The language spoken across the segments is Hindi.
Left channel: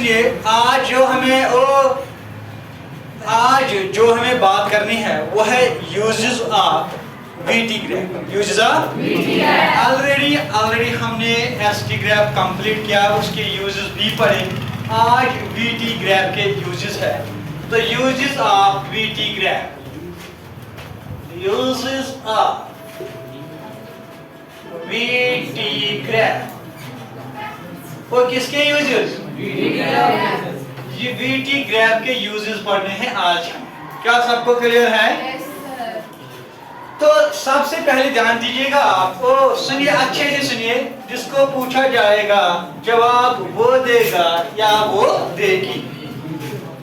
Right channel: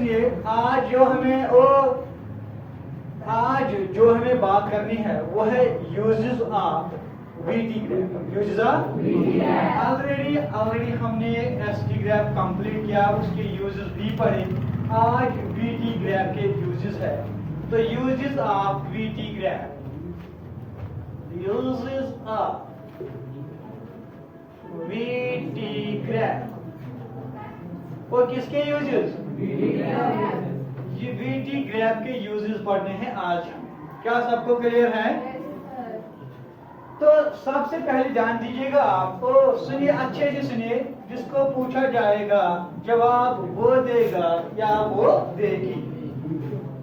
सुनिए, आज जो हमें बात करनी है वो है uses of VT graph. Uses of VT graph already हमने एसटी ग्राफ कंप्लीट किया, उसके यूजेस भी पढ़े। आज वीटी ग्राफ के यूजेस है। तो uses of VT graph, uses of VT graph, वो किसके यूजेस? ये वीटी ग्राफ के यूजेस पढ़ने हैं आज हम। क्या सबको क्लियर है? तो सबसे पहले ध्यान दीजिएगा आप, तो सुनिए, अच्छे से सुनिए। जिसको पूछा जाएगा जवाब वो देगा या वो देगी।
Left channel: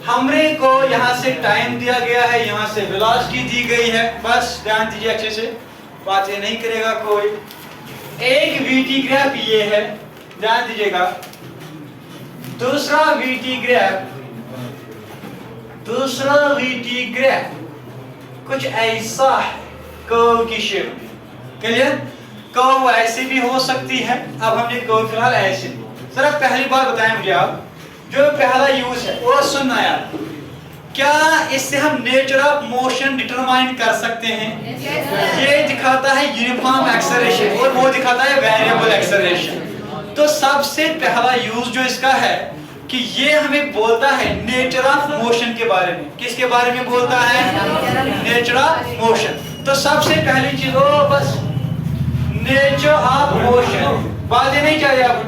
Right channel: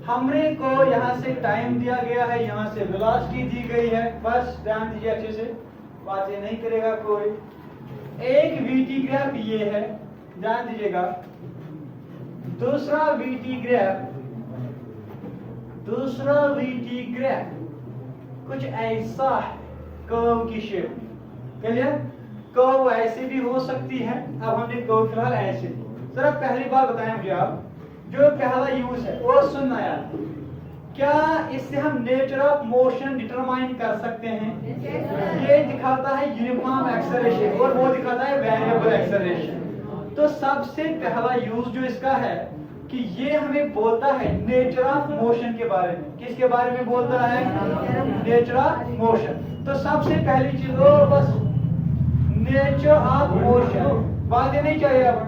हमरे को यहाँ से टाइम दिया गया है, यहाँ से वेलोसिटी दी गई है। बस ध्यान दीजिए अच्छे से, बातें नहीं करेगा कोई। एक वीटी ग्राफ ये है, ध्यान दीजिएगा। दूसरा वीटी ग्राफ कुछ ऐसा है, कर्व की शेप में। क्लियर? कर्व ऐसे भी हो सकती है। अब हमने कर्व फिलहाल ऐसे। सर पहली बात बताएं मुझे आप, जो पहला यूज है वो सुनना यार, क्या इससे हम नेचर ऑफ मोशन डिटरमाइन कर सकते हैं? ये दिखाता है यूनिफॉर्म एक्सेलरेशन और वो दिखाता है वेरिएबल एक्सेलरेशन। तो सबसे पहला यूज जो इसका है कि ये हमें बोलता है नेचर ऑफ मोशन के बारे में। किसके बारे में बोलता है? Nature of motion. तो सबसे पहली चीज वो बस नेचर ऑफ मोशन, बातें नहीं चाहिए आप,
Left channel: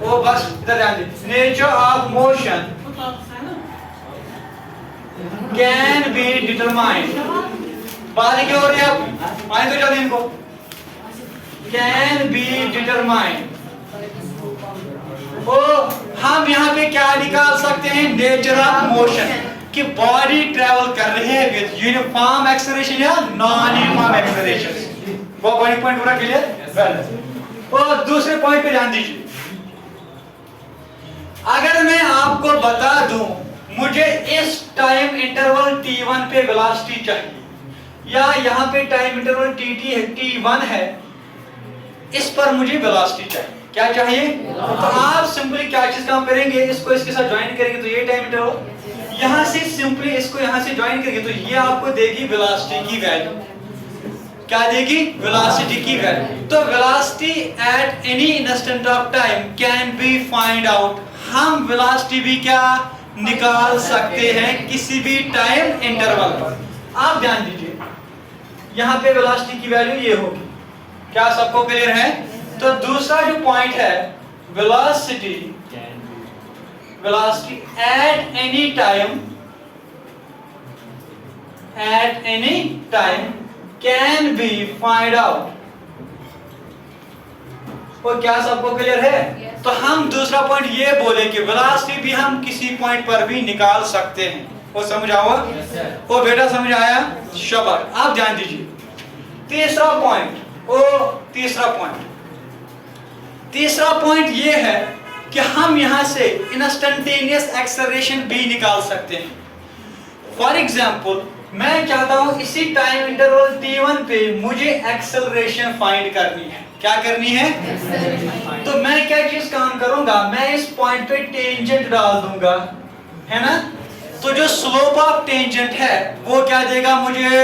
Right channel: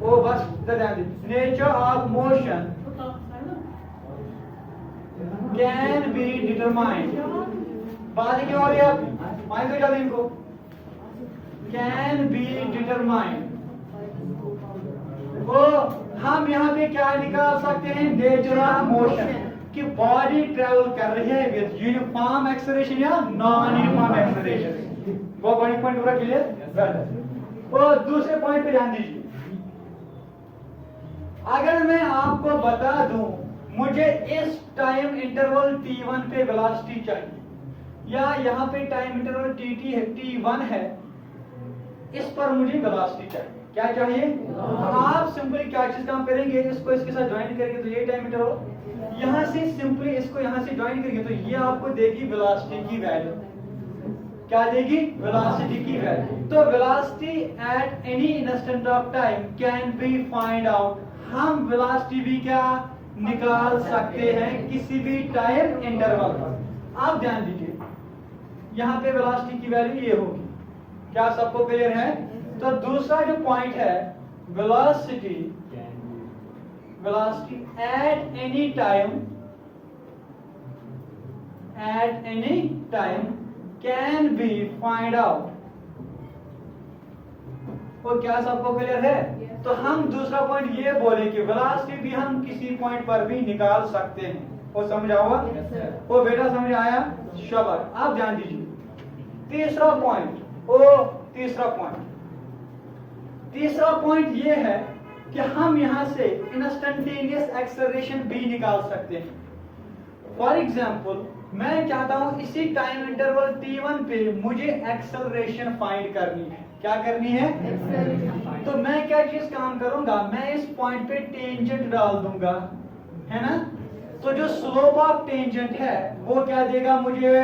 वो बस इधर ध्यान दीजिए। Nature of motion can be determined, बातें क्यों हो रही है आप? आए तो जल्दी इनको। कैन बी डिटरमाइंड, ओ हम यहाँ पे क्या निकाल सकते हैं? नेचर ऑफ मोशन, कि बॉडी ट्रेवल कर रही है विद यूनिफॉर्म एक्सेलरेशन या नॉन यूनिफॉर्म एक्सेलरेशन। वो पॉइंट पूरा क्लियर? और दूसरे पॉइंट पे ध्यान दीजिए। अगर मैं आपको बता दूं मुझे इस टाइम इंटरवल t1 पे वेलोसिटी चाहिए, या यहाँ पे टाइम इंटरवल t1 है, इस पर मुझे वेलोसिटी चाहिए। क्या चाहिए? तो आप सिंपली क्या चीज काम करेंगे? इसको इसके साथ ज्वाइन करेंगे तो ये टाइम इंटरवल, यहाँ से सिंपली इसको यहाँ से ज्वाइन करेंगे तो ये आपको देगी वेलोसिटी की वैल्यू। क्या देगी? वेलोसिटी की वैल्यू। तो velocity at any instant of time can be find out. हम वेलोसिटी भी क्या निकाल सकते हैं किसी भी टाइम इंटरवल पर। आप ध्यान दीजिए, यहाँ पे वेलोसिटी की वैल्यू ये होगी। क्या सबको क्लियर है? तो दूसरा जो पॉइंट है, velocity at any time can be find out. और क्या सबको क्लियर है? तो हम दूसरा पॉइंट ये बोले कि वेलोसिटी भी हम किसी पॉइंट पर भी निकाल सकते हैं। वो समझ आवा? वो बेटा समझ आया? शाबाश। आप ध्यान दीजिए। तीसरा पॉइंट ये है कि हम यहां से इंस्टेंटेनियस एक्सेलरेशन भी निकाल सकते हैं। फॉर एग्जांपल, मैं चाहता हूं इसी टाइम इंटरवल t1 पे मुझे एक्सेलरेशन फाइंड करनी है। क्या करनी है? तो मैं क्या चीज काम करूंगा? मैं इस पॉइंट पे टेंजेंट डाल दूंगा, है ना? तो जो स्लोप ऑफ टेंजेंट है वो क्या देगा मुझे?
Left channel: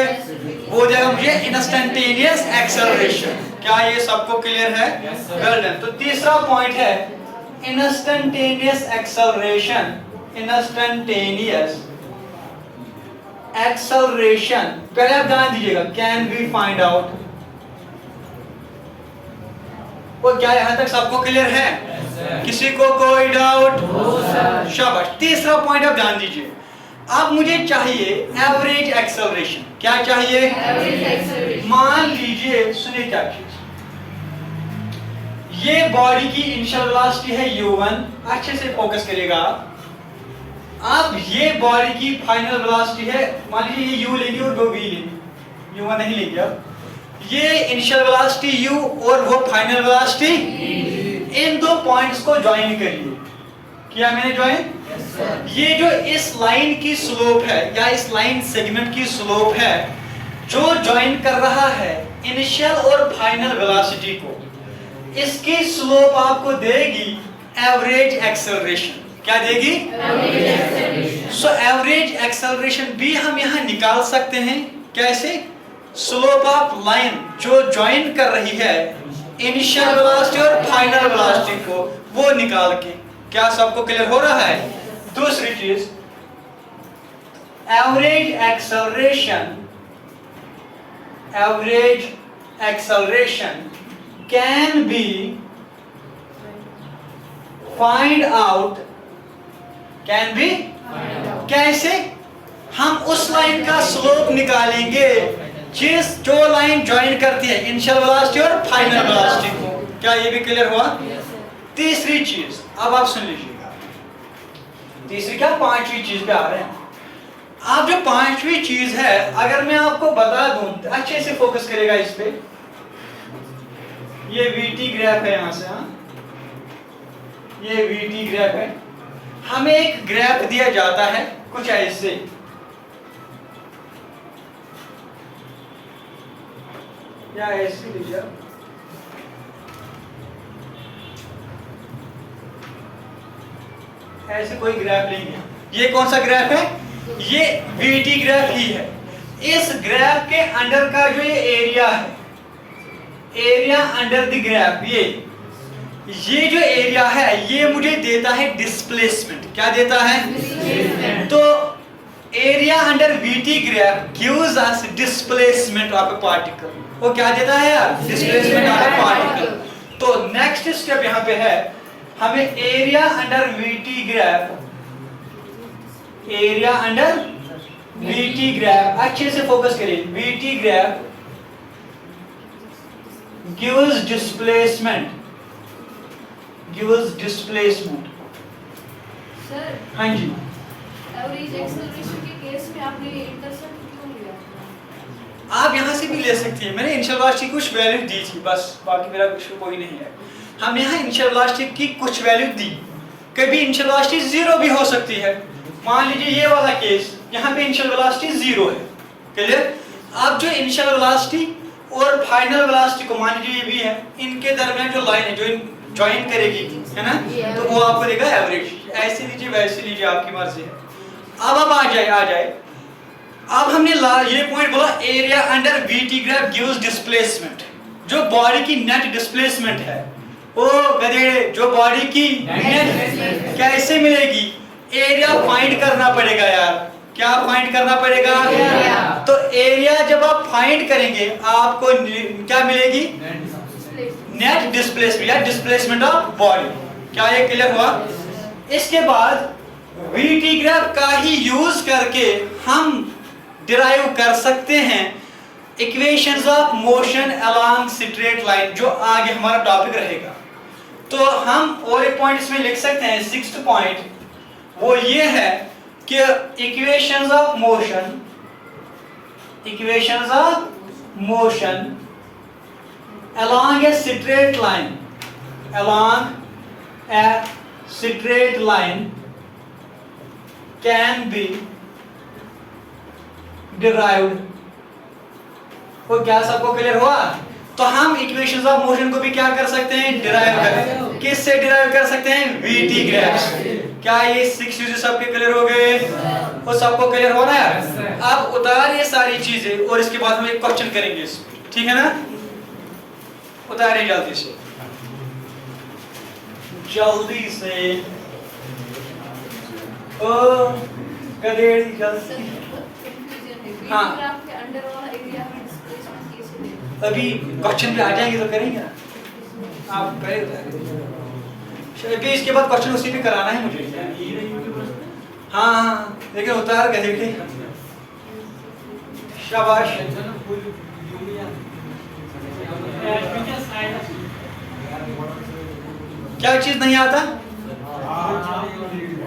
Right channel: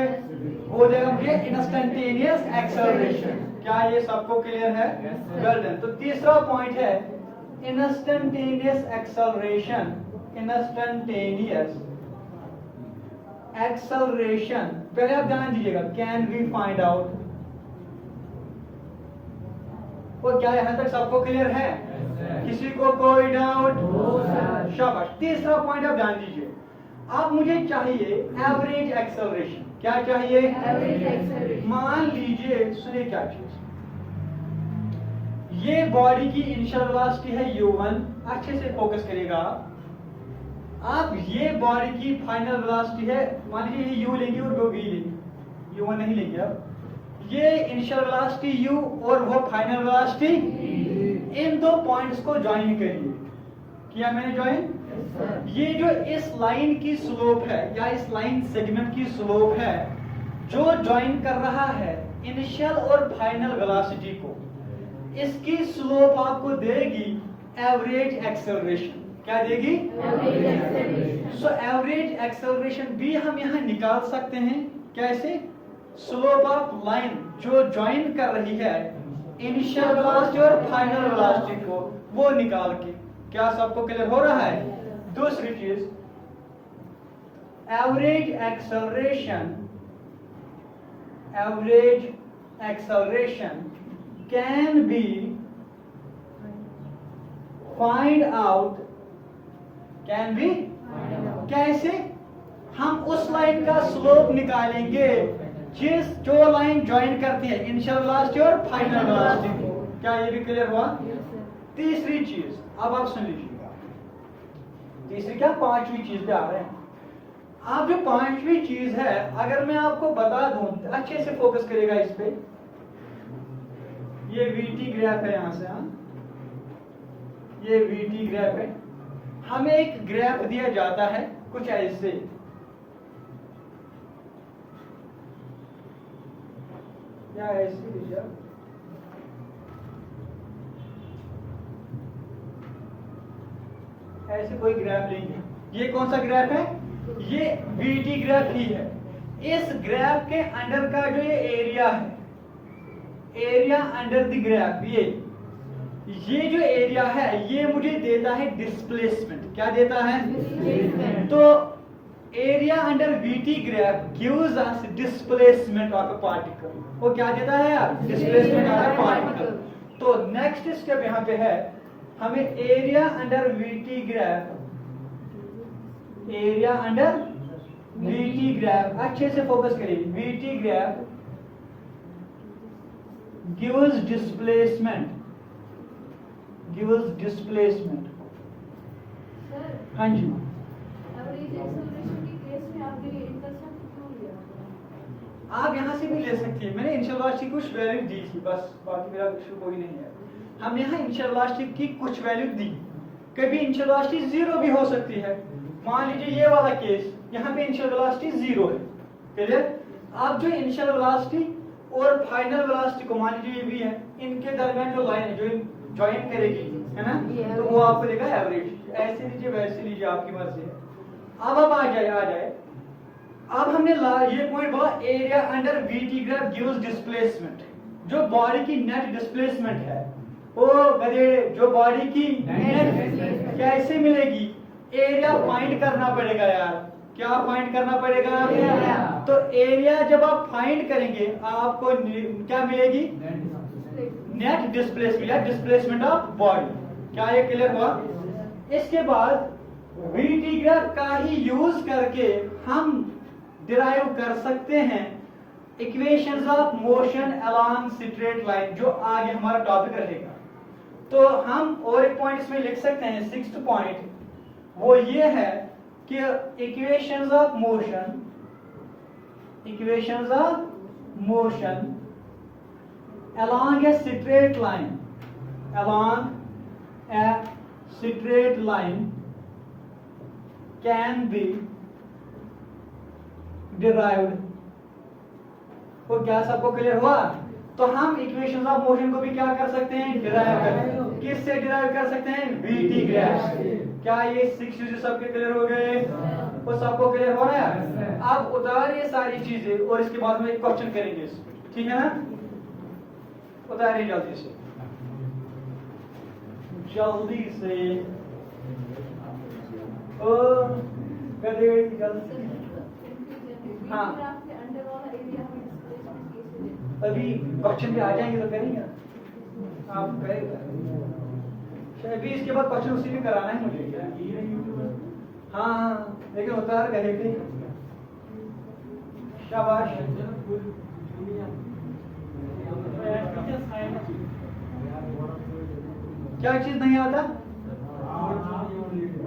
वो देगा मुझे इंस्टेंटेनियस एक्सेलरेशन। क्या ये सबको क्लियर है? Well done. तो तीसरा पॉइंट है इंस्टेंटेनियस एक्सेलरेशन। पहले आप ध्यान दीजिएगा, कैन बी फाइंड आउट। वो क्या यहां तक सबको क्लियर है? किसी को कोई डाउट? शाबाश। तीसरा पॉइंट आप ध्यान दीजिए। अब मुझे चाहिए एवरेज एक्सेलरेशन। क्या चाहिए? Average acceleration. मान लीजिए, सुनिए क्या चीज, ये बॉडी की इनिशियल वेलोसिटी है u1। अच्छे से फोकस करिएगा। अब ये बॉडी की फाइनल वेलोसिटी है, मान लीजिए ये u लेंगे और वो v लेंगे, u1 नहीं लेंगे। अब ये इनिशियल वेलोसिटी u और वो फाइनल वेलोसिटी, इन दो पॉइंट्स को ज्वाइन करिए। किया मैंने ज्वाइन? ये जो इस लाइन की स्लोप है या इस लाइन सेगमेंट की स्लोप है, जो ज्वाइन कर रहा है इनिशियल और फाइनल वेलोसिटी को, इसकी स्लोप आपको देगी एवरेज एक्सेलरेशन। क्या देगी? सो एवरेज एक्सेलरेशन भी हम यहाँ निकाल सकते हैं। कैसे? स्लोप ऑफ लाइन जो ज्वाइन कर रही है इनिशियल वेलोसिटी और फाइनल वेलोसिटी को, वो निकाल के। क्या सबको क्लियर हो रहा है? दूसरी चीज, average acceleration can be find out. कैसे? हम उस लाइन का स्लोप निकालेंगे जो लाइन ज्वाइन करती है इनिशियल वेलोसिटी और फाइनल वेलोसिटी को। क्या ये भी क्लियर हुआ? तीसरी चीज, अब आप सुन लीजिएगा। तीसरी क्या, पांचवी चीज पे आ रहे हैं। आप जो पांचवी चीज है, अगर मैं आपको बता दूं, अच्छे से फोकस करेगा इस पे। ये वीटी ग्राफ है यहां से, ये वीटी ग्राफ है। हमें एक ग्राफ दिया जाता है कुछ ऐसे, या ऐसे लीजिए, ऐसे कोई ग्राफ नहीं है। ये कौन सा ग्राफ है? ये वीटी ग्राफ ही है। इस ग्राफ के अंडर का जो ये एरिया है, एरिया अंडर द ग्राफ, ये जो एरिया है ये मुझे देता है डिस्प्लेसमेंट। क्या देता है? तो area under VT graph gives us displacement of A particle. वो क्या देता है यार? Displacement of A particle. तो नेक्स्ट स्टेप यहाँ पे है, हमें area under VT graph, area under VT graph, अच्छे से फोकस करिए। VT graph gives displacement, sir, हाँ जी। एवरेज एक्सेलरेशन के केस में आपने इंटरसेप्ट क्यों लिया? आप यहाँ से भी ले सकती हैं। मैंने इनिशियल वेलोसिटी कुछ वैल्यू दी थी, बस बाकी मेरा कुछ कोई नहीं है। हमने यहाँ इनिशियल वेलोसिटी की कुछ वैल्यू दी। कभी इनिशियल वेलोसिटी 0 भी हो सकती है। मान लीजिए ये वाला केस, यहाँ पे इनिशियल वेलोसिटी 0 है। क्लियर? अब जो इनिशियल वेलोसिटी और फाइनल वेलोसिटी को मान लीजिए ये भी है, इनके दरमियान जो लाइन है जो ज्वाइन करेगी, है ना, तो वो आपको देगा एवरेज। ऐसे लीजिए वैसे लीजिए, आपकी मर्जी है। अब आ जाए। अब हमने ये पॉइंट बोला, area under VT graph gives displacement. जो बॉडी की नेट डिस्प्लेसमेंट है, वो गधेड़े, जो बॉडी की नेट कैसे मिलेगी? एरिया फाइंड करना पड़ेगा यार। क्या फाइंड करना पड़ेगा? तो एरिया जब आप फाइंड करेंगे आपको क्या मिलेगी? नेट डिस्प्लेसमेंट या डिस्प्लेसमेंट ऑफ बॉडी। क्या ये क्लियर हुआ? इसके बाद वीटी ग्राफ का ही यूज करके हम डिराइव कर सकते हैं equations of motion along straight line, जो आगे हमारा टॉपिक रहेगा। तो हम और एक पॉइंट इसमें लिख सकते हैं, 6th पॉइंट, वो ये है कि equations of motion along a straight line can be derived। वो क्या सबको क्लियर हुआ? तो हम इक्वेशंस ऑफ मोशन को भी क्या कर सकते हैं? डिराइव कर। किससे डिराइव कर सकते हैं? वीटी ग्राफ से। क्या ये 6 यूजेस सबके क्लियर हो गए? वो सबको क्लियर हुआ ना यार? अब उतार ये सारी चीजें और इसके बाद हम एक क्वेश्चन करेंगे इसमें, ठीक है ना? उतारे जल्दी से ओ गधेड़ी जल्दी। हाँ, अभी क्वेश्चन पे आ जाएंगे तो करेंगे ना, आप पहले उतारे। इसके बाद क्वेश्चन उसी पे कराना है मुझे। हाँ, लेकिन उतार गधेड़ी। शाबाश। क्या चीज नहीं आता?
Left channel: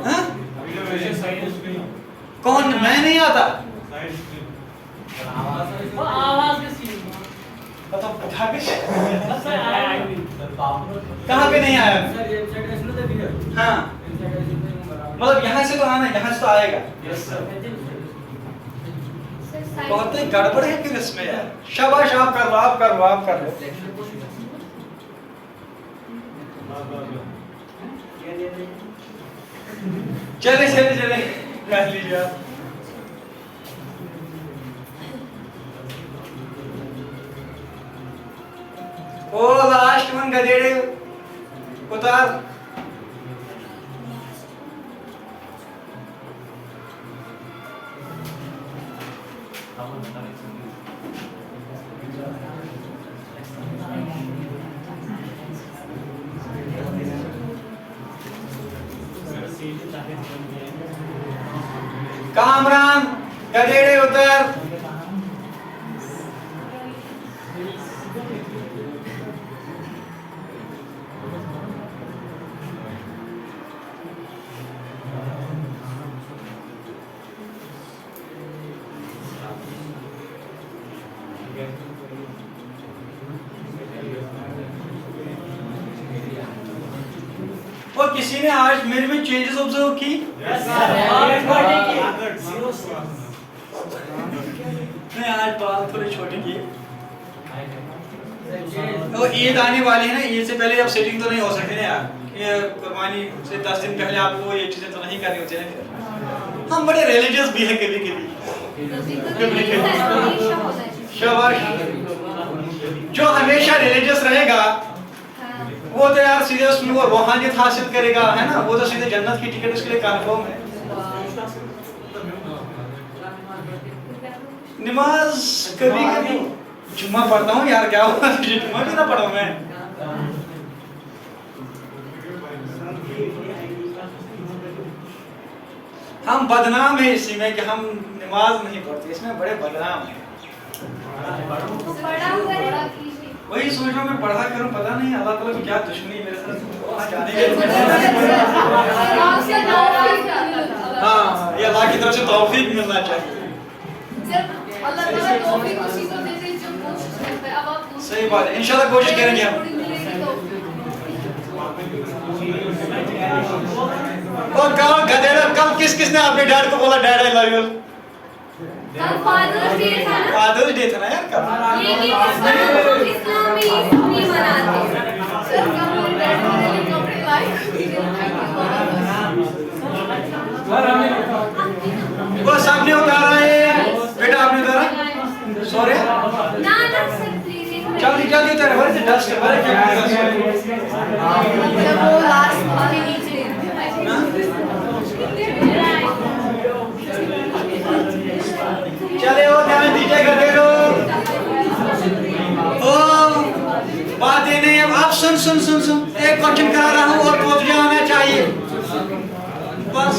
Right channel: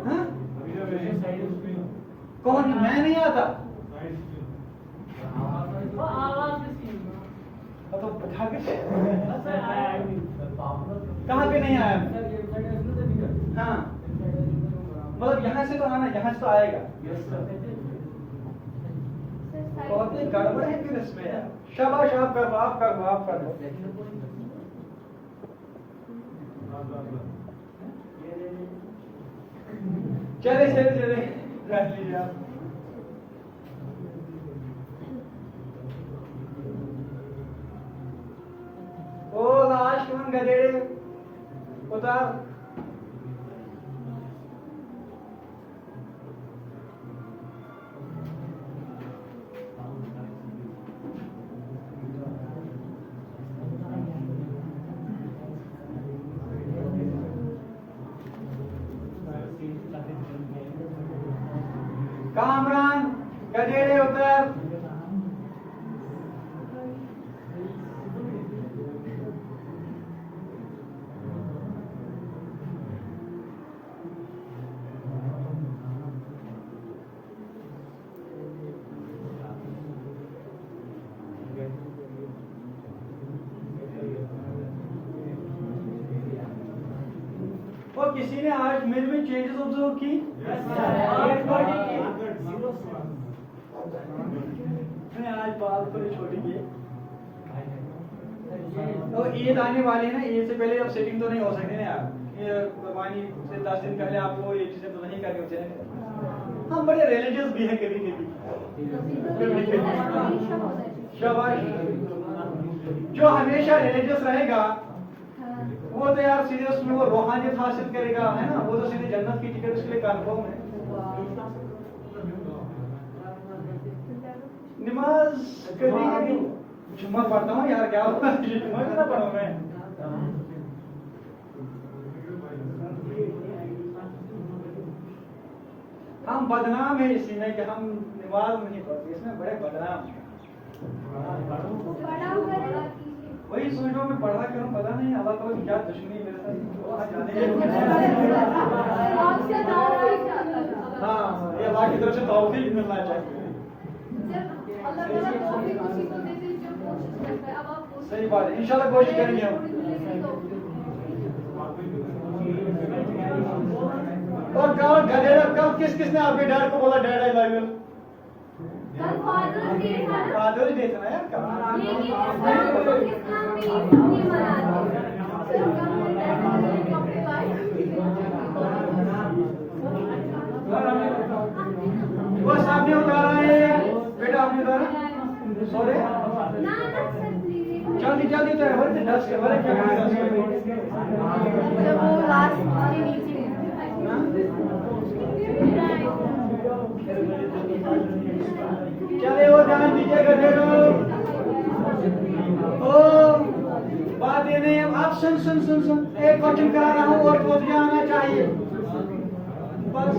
हाँ? कौन? मैं नहीं आता? तो कहाँ पे नहीं आया? हाँ, मतलब यहाँ से तो आना, यहाँ से तो आएगा। बहुत ही गड़बड़ है फिर इसमें यार। शाबाश, आप कर लो। चले चले चले बैठ लीजिए आप। ओ लास्ट वन गधेड़े उतार। कामरान गधेड़े उतर। और किसी ने आज मेरे में चेंजेस ऑब्जर्व की? मैं आज बाल थोड़े छोटे किए। और ईद आने वाली है ना, ईद से पहले अब सेटिंग तो नहीं हो सकती ना यार। ये कुर्बानी से 10 दिन पहले आपको ये चीजें तो नहीं करनी होती है। हम बड़े रिलीजियस भी हैं कभी कभी। शाबाश। जो हमेशा रिलीजियस रहेगा वो तो यार सीधे उसमें वो रूहानियत हासिल करेगा, है ना, वो तो सीधे जन्नत की टिकट उसके लिए कंफर्म है। नमाज कभी कभी जुम्मा पढ़ता हूँ यार, क्या हुआ जुम्मा भी ना पढ़ूं मैं। हम बदनाम है इसी में कि हम नमाज नहीं पढ़ते, इसमें बड़े बदनाम है। वही सोच रहा हूं मैं पढ़ा करूं, पता नहीं अल्लाह ताला की क्या दुश्मनी है मेरे साथ। हाँ, ये अल्लाह की तरफ से तौफीक मिलना चाहिए। अल्लाह ताला तौफीक उसी को देते हैं जो कोशिश करता है। अब आप सही बात है, इंशाल्लाह कोशिश करेंगे हम। और कल गधेड़ा, कल किसने आपके डैड को बोला dad I love you? Father's day था ना? फादर्स डे था ना यार कल। ये इस्लामी नहीं मनाते। सर कम डैड वाले कपड़े लाए। वो सामने उतारा है बेटा, आपने उतारा? सॉरी ना सर प्लीज जल्दी जल्दी उतार, हमारे से डस्ट हमारे क्या जब वो लास्ट के नीचे चले वो ध्यान दीजिएगा देरो। ओ बात ये नहीं है, आप सुन सुन सुन सुन, एक क्वेश्चन करा रहा हूँ और पहुंच जाना चाहिए बस।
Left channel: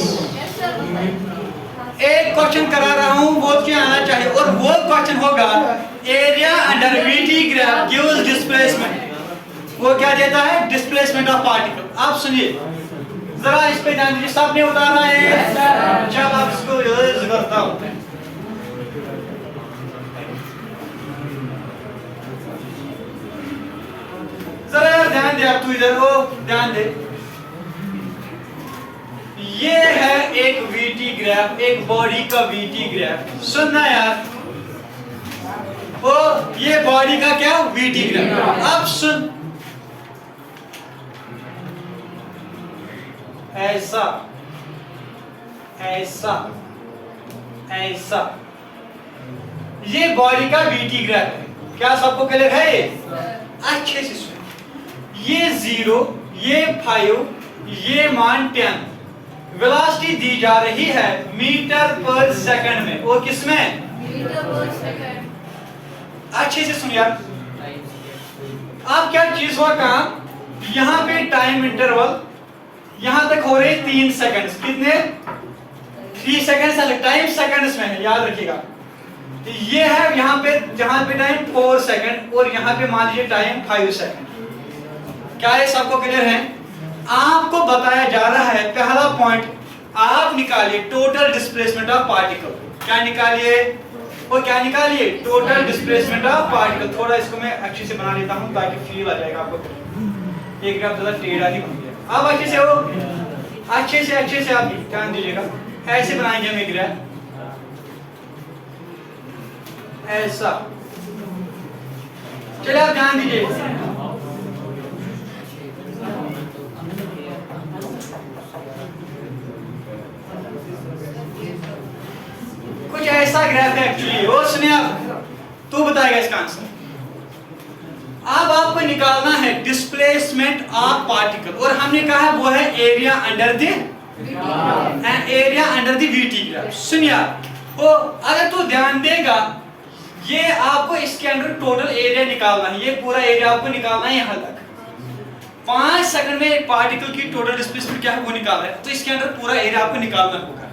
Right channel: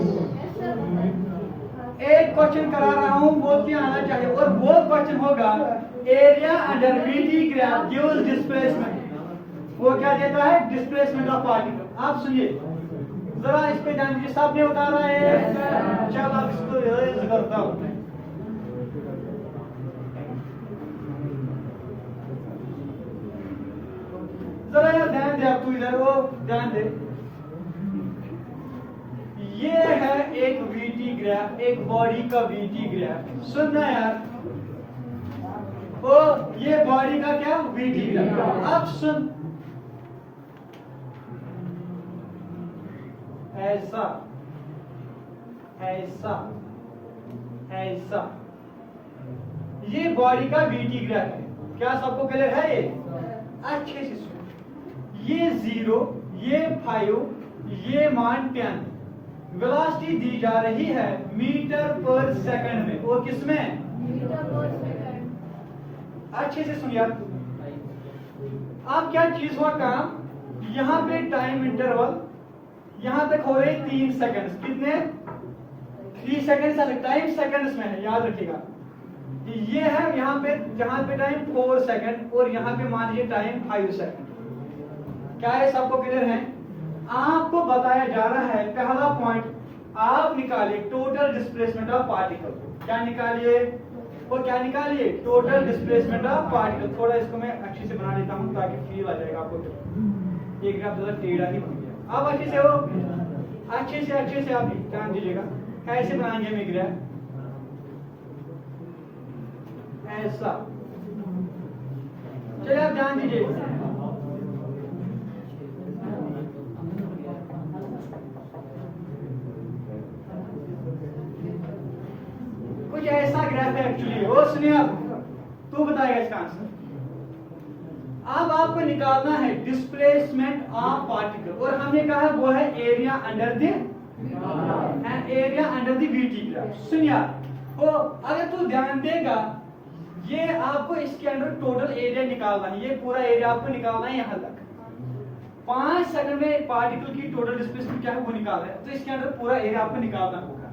एक क्वेश्चन करा रहा हूँ, वो क्या आना चाहिए, और वो क्वेश्चन होगा area under VT graph gives displacement. वो क्या देता है? Displacement of particle. आप सुनिए जरा, इस पे ध्यान दीजिए। सबने उतारा है? चल आप इसको यूज करता हूँ। जरा ध्यान दे, आप तू इधर हो, ध्यान दे। ये है एक वीटी ग्राफ, एक बॉडी का वीटी ग्राफ। सुनना यार, ओ ये बॉडी का क्या? VT graph. अब सुन, ऐसा ऐसा ऐसा, ये बॉडी का वीटी ग्राफ है। क्या सबको क्लियर है? ये अच्छे से सुन। ये 0, ये 5, ये मान 10। वेलोसिटी दी जा रही है मीटर पर सेकंड में। वो किसमें? मीटर पर सेकंड। अच्छे से सुन यार। अब क्या चीज हुआ काम, यहाँ पे टाइम इंटरवल यहाँ तक हो रहे 3 सेकंड। कितने? 3 सेकंड। टाइम सेकंड्स में है, याद रखिएगा। तो ये है यहाँ पे टाइम 4 सेकंड और यहाँ पे मान लीजिए टाइम 5 सेकंड। क्या ये सबको क्लियर है? आपको बताया जा रहा है पहला पॉइंट, आप निकालिए टोटल डिस्प्लेसमेंट ऑफ पार्टिकल। क्या निकालिए? वो क्या निकालिए? Total displacement of particle. थोड़ा इसको मैं अच्छे से बना लेता हूं ताकि फील आ जाएगा आपको। एक ग्राफ ज्यादा टेढ़ा नहीं बन गया। अब अच्छे से हो, अच्छे से आप ध्यान दीजिएगा। ऐसे बनाएंगे हम एक ग्राफ, ऐसा। चलिए आप ध्यान दीजिए। सुनिए आप, तू बताएगा इसका आंसर। अब आपको निकालना है डिस्प्लेसमेंट ऑफ पार्टिकल, और हमने कहा वो है area under the VT graph. सुनिए, वो अगर तू ध्यान देगा, ये आपको इसके अंदर टोटल एरिया निकालना है, ये पूरा एरिया आपको निकालना है यहाँ तक। 5 सेकंड में एक पार्टिकल की टोटल डिस्प्लेसमेंट क्या है वो निकालना है, तो इसके अंदर पूरा एरिया आपको निकालना होगा।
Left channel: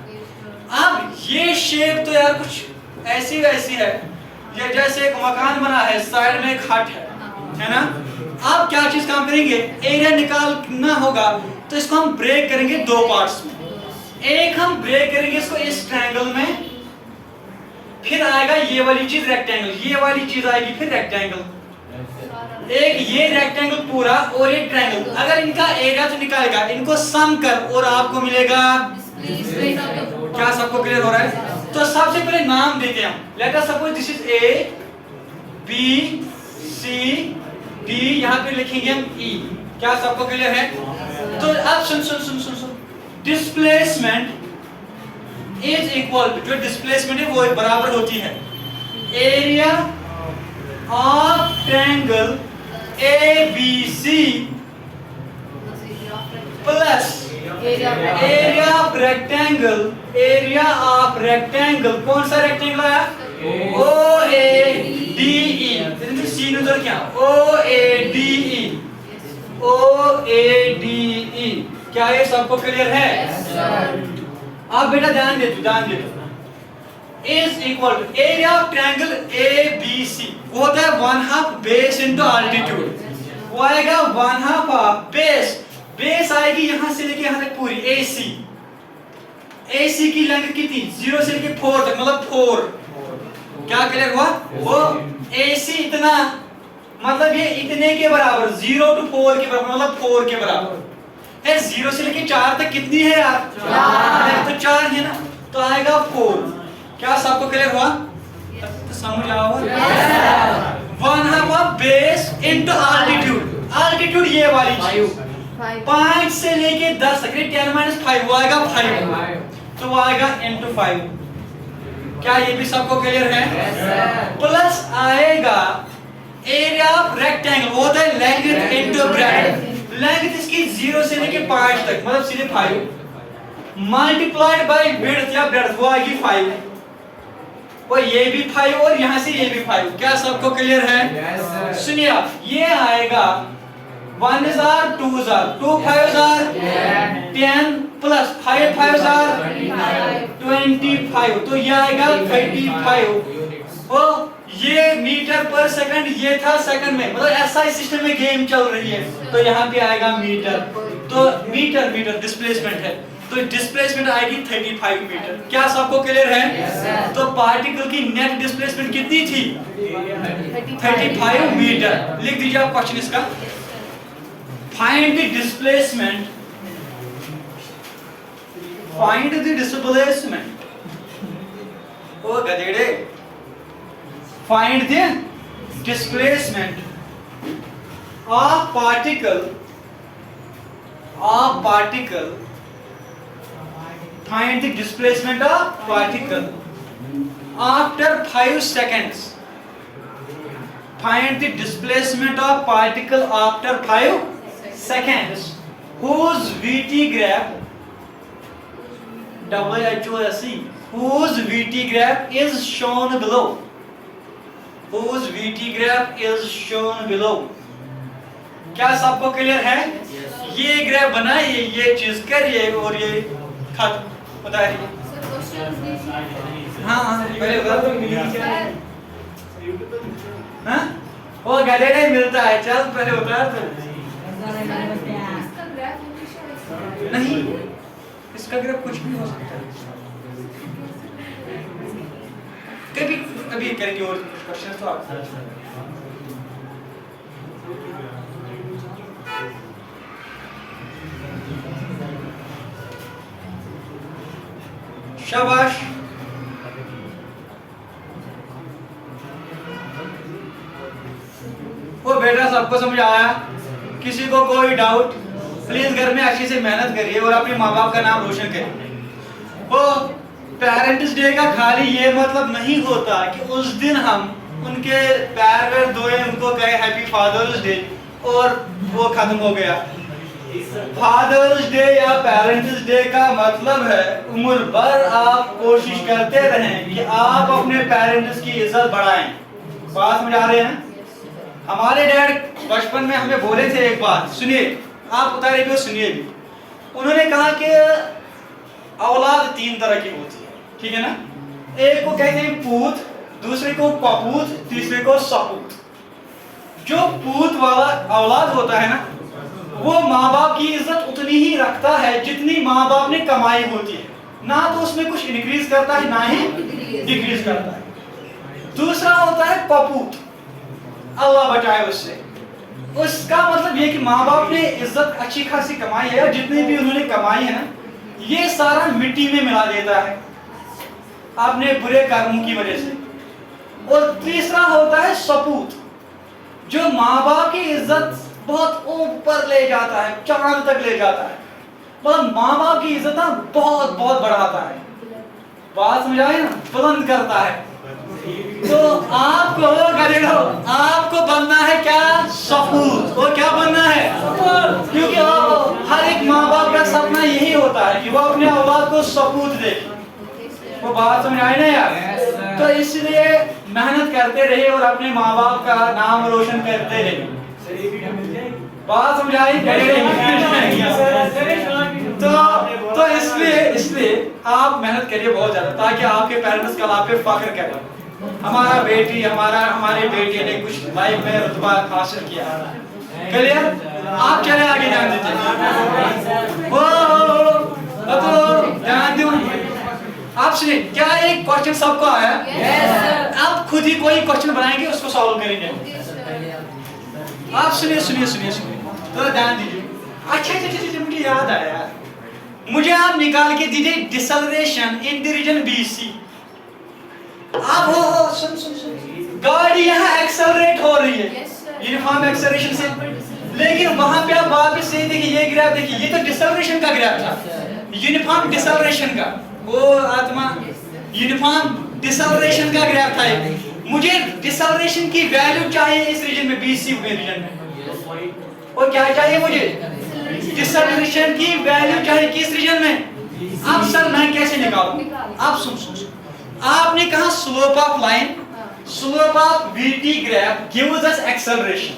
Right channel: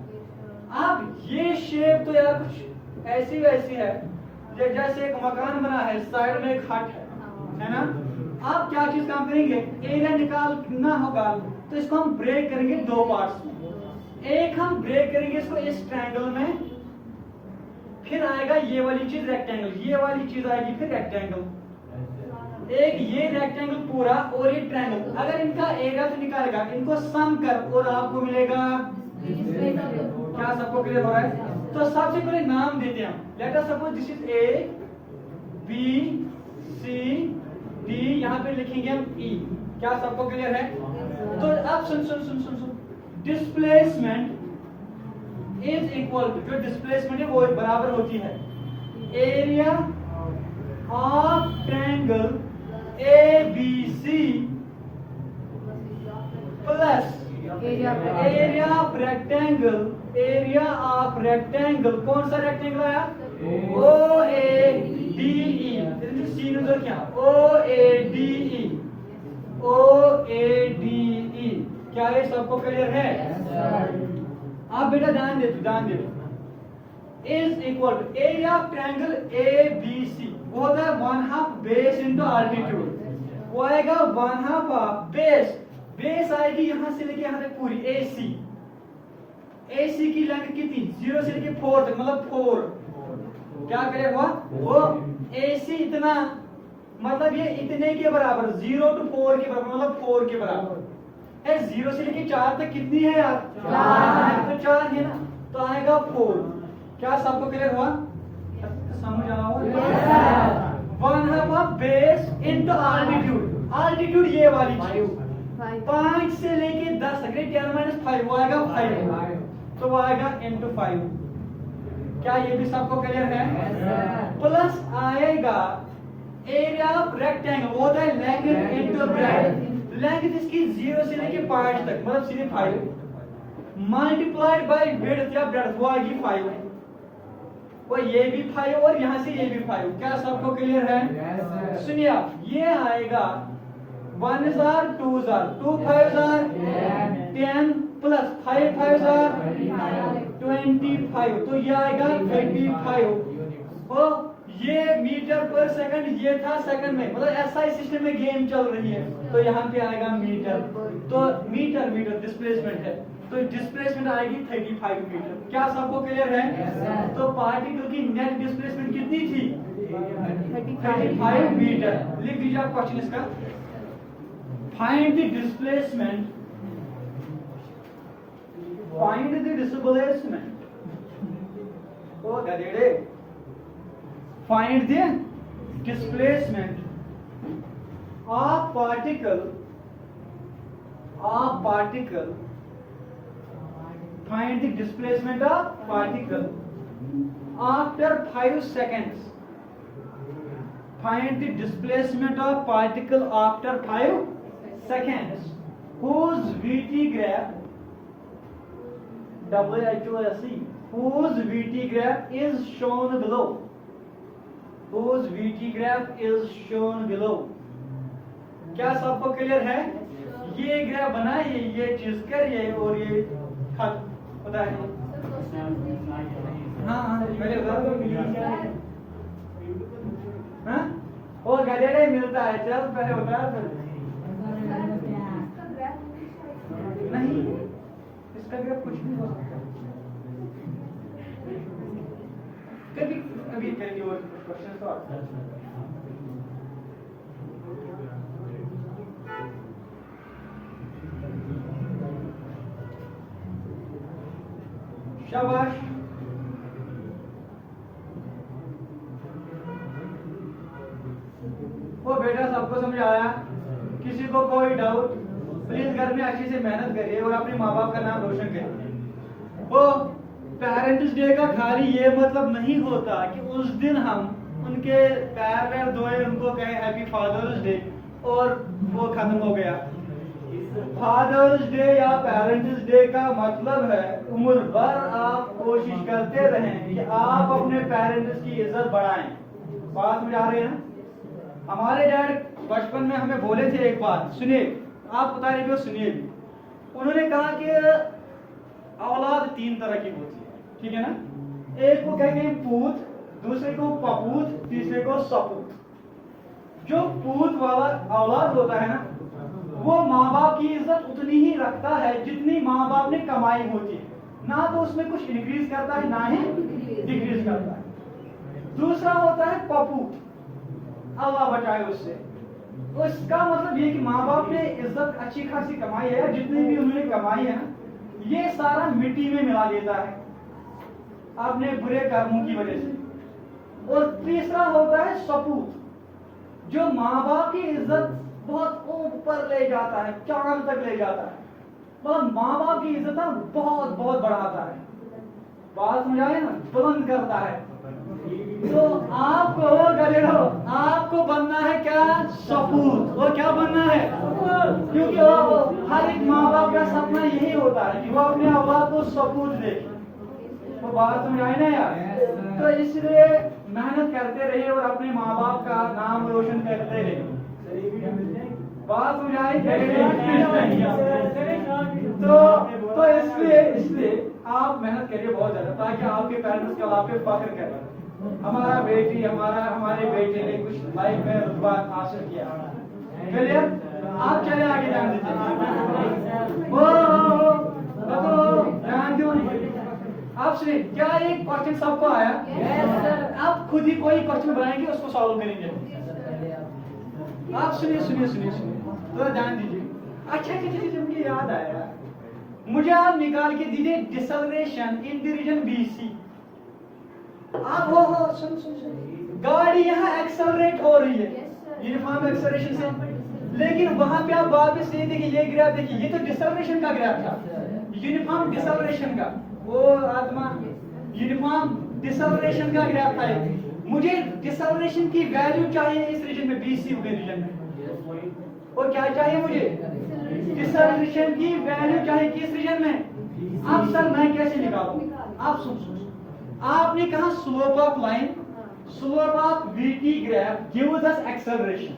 अब ये शेप तो यार कुछ ऐसी वैसी है, ये जैसे एक मकान बना है, साइड में एक हट है ना। आप क्या चीज काम करेंगे, एरिया निकालना होगा, तो इसको हम ब्रेक करेंगे 2 पार्ट्स में। एक हम ब्रेक करेंगे इसको इस ट्रायंगल में, फिर आएगा ये वाली चीज रेक्टेंगल, ये वाली चीज आएगी फिर रेक्टेंगल। एक ये रेक्टेंगल पूरा और ये ट्रायंगल, अगर इनका एरिया तो निकालेगा, इनको सम कर और आपको मिलेगा। क्या सबको क्लियर हो रहा है? तो सबसे पहले नाम देते हैं हम। Let us suppose this is A B C D, यहाँ पे लिखेंगे हम ई। क्या सबको क्लियर है? तो अब सुन सुन सुन सुन सुन, डिस्प्लेसमेंट इज इक्वल टू, जो डिस्प्लेसमेंट है वो बराबर होती है area of triangle A B C plus area of rectangle, area of rectangle, कौन सा रेक्टेंगल है? ओ ए डी ई, सी उधर क्या, ओ A D E, O A D E. क्या ये सबको क्लियर है? आप बेटा ध्यान दे is equal to area of triangle A B C, वो होता है 1/2 बेस इनटू अल्टीट्यूड। वो आएगा 1/2 ऑफ बेस, बेस आएगी यहां से लेके यहां तक पूरी AC। AC की लेंथ कितनी? 0 से लेके 4 तक, मतलब 4। क्या क्लियर हुआ? वो AC इतना, मतलब ये इतने के बराबर, 0 to 4 के बराबर, मतलब 4 के बराबर है। 0 से लेके 4 तक कितनी है यार? 4। तो 4 है ना, तो आएगा 4। क्या सबको क्लियर हुआ? तो समझ आओ। 1/2 of base into altitude, altitude ये वाली चीज 5 से लेके 10 तक, 10 - 5 वो आएगा 5, तो वो आएगा इनटू 5। क्या ये भी सबको क्लियर है? प्लस आएगा एरिया ऑफ रेक्टेंगल, वो होता है लेंथ इनटू ब्रेड्थ। लेंथ इसकी 0 से लेके 5 तक, मतलब सीधे 5 मल्टीप्लाइड बाय विड्थ या ब्रेड्थ, वो आएगी 5। वो ये भी 5 और यहाँ से ये भी 5। क्या सबको क्लियर है? सुनिए, ये आएगा 1 is 2 is 2 5 is 10 plus 5 5 is 25, तो ये आएगा 35। वो ये मीटर पर सेकंड, ये था सेकंड में, मतलब SI सिस्टम में गेम चल रही है, तो यहाँ पे आएगा मीटर। तो मीटर डिस्प्लेसमेंट है, तो डिस्प्लेसमेंट आएगी 35 मीटर। क्या सबको क्लियर है? तो पार्टिकल की नेट डिस्प्लेसमेंट कितनी थी? 35 मीटर। लिख दीजिए आप क्वेश्चन इसका। Find the displacement. Find the displacement. O गधेड़े। Find the displacement of particle. Find the displacement of particle after 5 seconds. Find the displacement of particle after 5 seconds whose VT graph WHOSE, whose VT graph is shown below. Whose VT graph is shown below. क्या सबको क्लियर है? ये ग्राफ बनाइए, ये चीज करिए और ये खत्म। बताइए। हाँ पहले हाँ वो गधे नहीं मिलता है, चल पहले उतार तो। नहीं, इसका ग्राफ कुछ भी हो सकता है। कभी अभी करेंगे और क्वेश्चन तो आप शाबाश। वो बेटा सबको समझ आया? किसी को कोई डाउट? प्लीज घर में अच्छे से मेहनत करिए और अपने माँ बाप का नाम रोशन करिए। वो पेरेंट्स डे का खाली ये मतलब नहीं होता कि उस दिन हम उनके पैर वैर धोए, उनको कहे हैप्पी फादर्स डे और वो खत्म हो गया। फादर्स डे या पेरेंट्स डे का मतलब है उम्र भर आप कोशिश करते रहें कि आप अपने पेरेंट्स की इज्जत बढ़ाएं। बात समझ आ रही है ना? हमारे डैड बचपन में हमें बोले थे एक बात, सुनिए, आप उतारे भी और सुनिए भी। उन्होंने कहा कि औलाद 3 तरह की होती है, ठीक है ना? एक को कहते हैं पूत, दूसरे को पपूत, तीसरे को सपूत। जो पूत वाला औलाद होता है ना, वो माँ बाप की इज्जत उतनी ही रखता है जितनी माँ बाप ने कमाई होती है, ना तो उसमें कुछ इंक्रीज करता है ना ही डिक्रीज करता है। दूसरा होता है पपूत, अल्लाह बचाए उससे। उसका मतलब ये कि माँ बाप ने इज्जत अच्छी खासी कमाई है, और जितनी भी उन्होंने कमाई है ना, ये सारा मिट्टी में मिला देता है अपने बुरे कर्मों की वजह से। और तीसरा होता है सपूत, जो माँ बाप की इज्जत बहुत ऊपर ले जाता है, चांद तक ले जाता है, मतलब माँ बाप की इज्जत ना बहुत बहुत बढ़ाता है। बात समझ आई ना? बुलंद करता है। तो आपको आपको बनना है क्या? सपूत। वो क्या बनना है? क्योंकि हर एक माँ बाप का सपना यही होता है कि वो अपने औलाद को सपूत देखे। वो बात समझ आई ना यार? तो इसलिए मेहनत करते रहे और अपने माँ बाप का नाम रोशन करते रहे। बात समझ आई? तो इसलिए आप मेहनत करिए बहुत ज्यादा, ताकि आपके पेरेंट्स कल आप पे फख्र करें, हमारे बेटे ने कुछ लाइफ में रुतबा हासिल किया। क्लियर? आप चले आगे, ध्यान दीजिए। ध्यान दो। आप सुनिए, क्या एक क्वेश्चन सबको आया? आप खुद ही कोई क्वेश्चन बनाएंगे, उसको सॉल्व करेंगे। आप सुनिए, तो ध्यान दीजिए। अच्छा, मुझे याद आया, मुझे आप निकाल के दीजिए deceleration in the region BC। आप हो सुन, गाड़ी यहाँ एक्सेलरेट हो रही है यूनिफॉर्म एक्सेलरेशन से, लेकिन वहां पे आप वापस से देखिए, ये ग्राफ देखिए, ये तो डिसेलरेशन का ग्राफ था, यूनिफॉर्म डिसेलरेशन का। वो आत्मा यूनिफॉर्म डिसेलरेशन का ग्राफ था। मुझे डिसेलरेशन की वैल्यू चाहिए इस रीजन में, BC में रीजन में। और क्या चाहिए मुझे? डिसेलरेशन की वैल्यू चाहिए किस रीजन में? आप सर मैं कैसे निकालूं? आप सुन, आपने कहा slope of line, slope of VT graph gives us acceleration.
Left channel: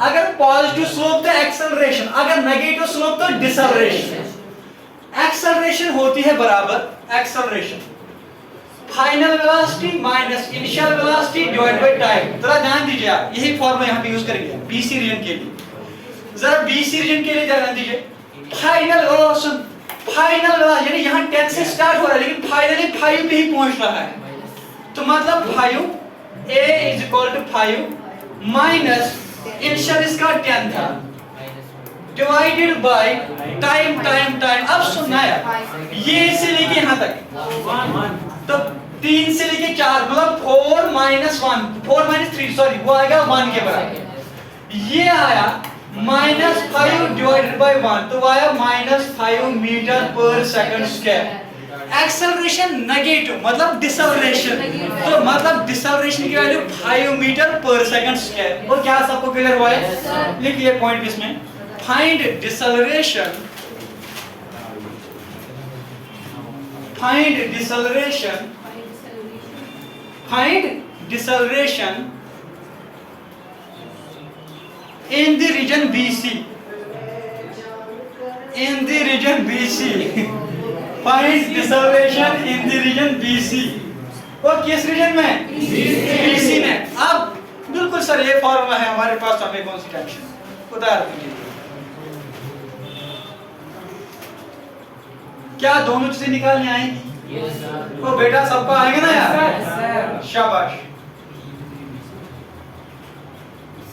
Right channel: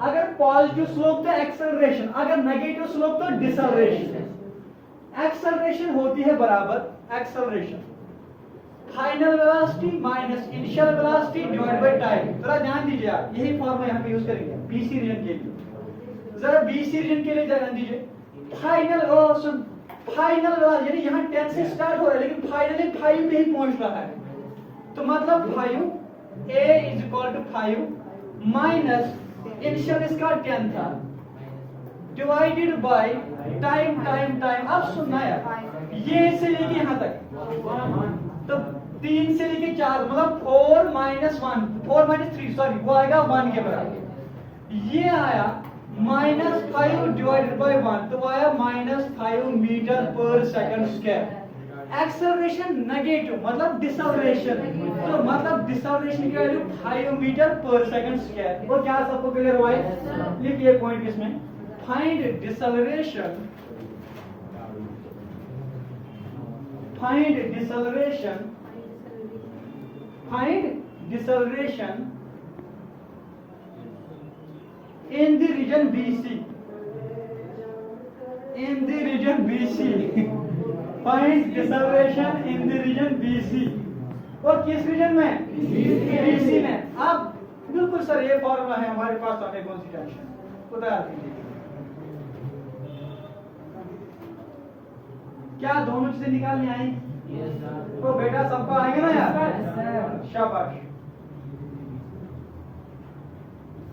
अगर पॉजिटिव स्लोप तो एक्सेलरेशन, अगर नेगेटिव स्लोप तो डिसेलरेशन। एक्सेलरेशन होती है बराबर acceleration final velocity minus initial velocity divide by time. जरा ध्यान दीजिए, आप यही फॉर्मूला यहां पे यूज करेंगे BC रीजन के लिए। जरा BC रीजन के लिए ध्यान दीजिए। फाइनल वेलोसिटी यानी यहां 10 से स्टार्ट हो रहा है, लेकिन फाइनली 5 पे ही पहुंच रहा है। तो मतलब 5 A = 5 माइनस इनिशियल इसका 10 था डिवाइडेड बाय टाइम। अब सुनना है, ये से लेके यहां तक, तो 3 से लेके 4 मतलब 4 - 3 सॉरी, वो आएगा 1 के बराबर। ये आया -5 डिवाइडेड बाय 1, तो आया -5 मीटर पर सेकंड स्क्वायर। एक्सेलरेशन नेगेटिव मतलब डिसेलरेशन, तो मतलब डिसेलरेशन की वैल्यू 5 मीटर पर सेकंड स्क्वायर। और क्या सबको क्लियर हुआ है? लिखिए पॉइंट इसमें, find deceleration in the region BC. Find deceleration in the region BC. और किस रीजन में? BC में। अब बिल्कुल सर ये फॉर्मूला है हमारे पास, हमें कौन सी टेंशन? उतार दीजिए। क्या दोनों चीजें निकालनी आएंगी? तो बेटा सबको आएगा ना यार? शाबाश।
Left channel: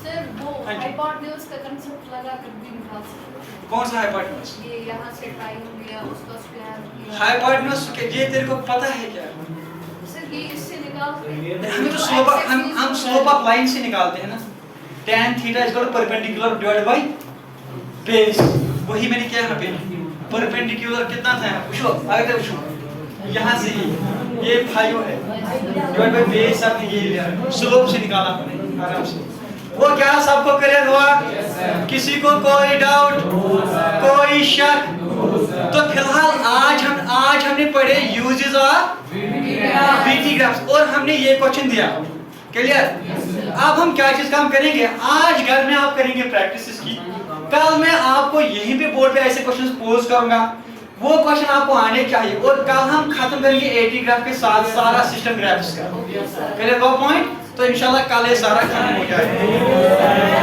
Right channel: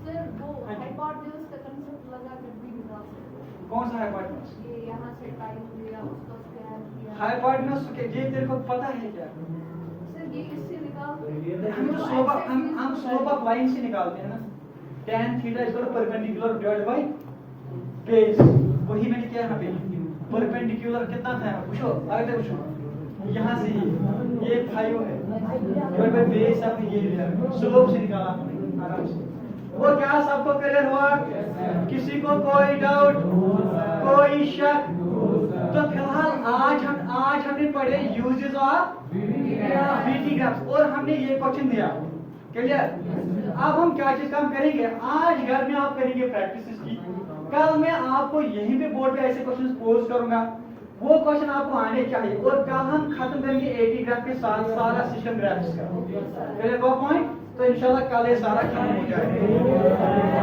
सर वो हाइपोटेन्यूज का कांसेप्ट लगा कर भी निकाल सकते। कौन सा हाइपोटेन्यूज? ये यहाँ से ट्राई हो गया, उसका स्क्वायर किया। हाइपोटेन्यूज के ये तेरे को पता है क्या? सर ये इससे निकालते हैं। हम तो हम स्लोप ऑफ लाइन से निकालते हैं ना। tan theta = perpendicular divided by base. वही मैंने किया यहाँ पे। परपेंडिकुलर कितना था? पूछो आगे पूछो। यहाँ से ये 5 है डिवाइड बाय बेस आपने ये लिया स्लोप से निकाला हमने आराम से। वो क्या सबको क्लियर हुआ? किसी को कोई डाउट, कोई शक? तो फिलहाल आज हमने पढ़े यूजेस ऑफ बीटी ग्राफ्स और हमने ये क्वेश्चन दिया। क्लियर? अब हम क्या चीज काम करेंगे, आज घर में आप करेंगे प्रैक्टिस इसकी, कल मैं आपको यहीं पे बोर्ड पे ऐसे क्वेश्चंस पोज करूंगा, वो क्वेश्चन आपको आने चाहिए और कल हम खत्म करेंगे एटी ग्राफ के साथ सारा सिस्टम ग्राफ्स का। क्लियर वो पॉइंट? तो इंशाल्लाह कल ये सारा खत्म हो जाएगा।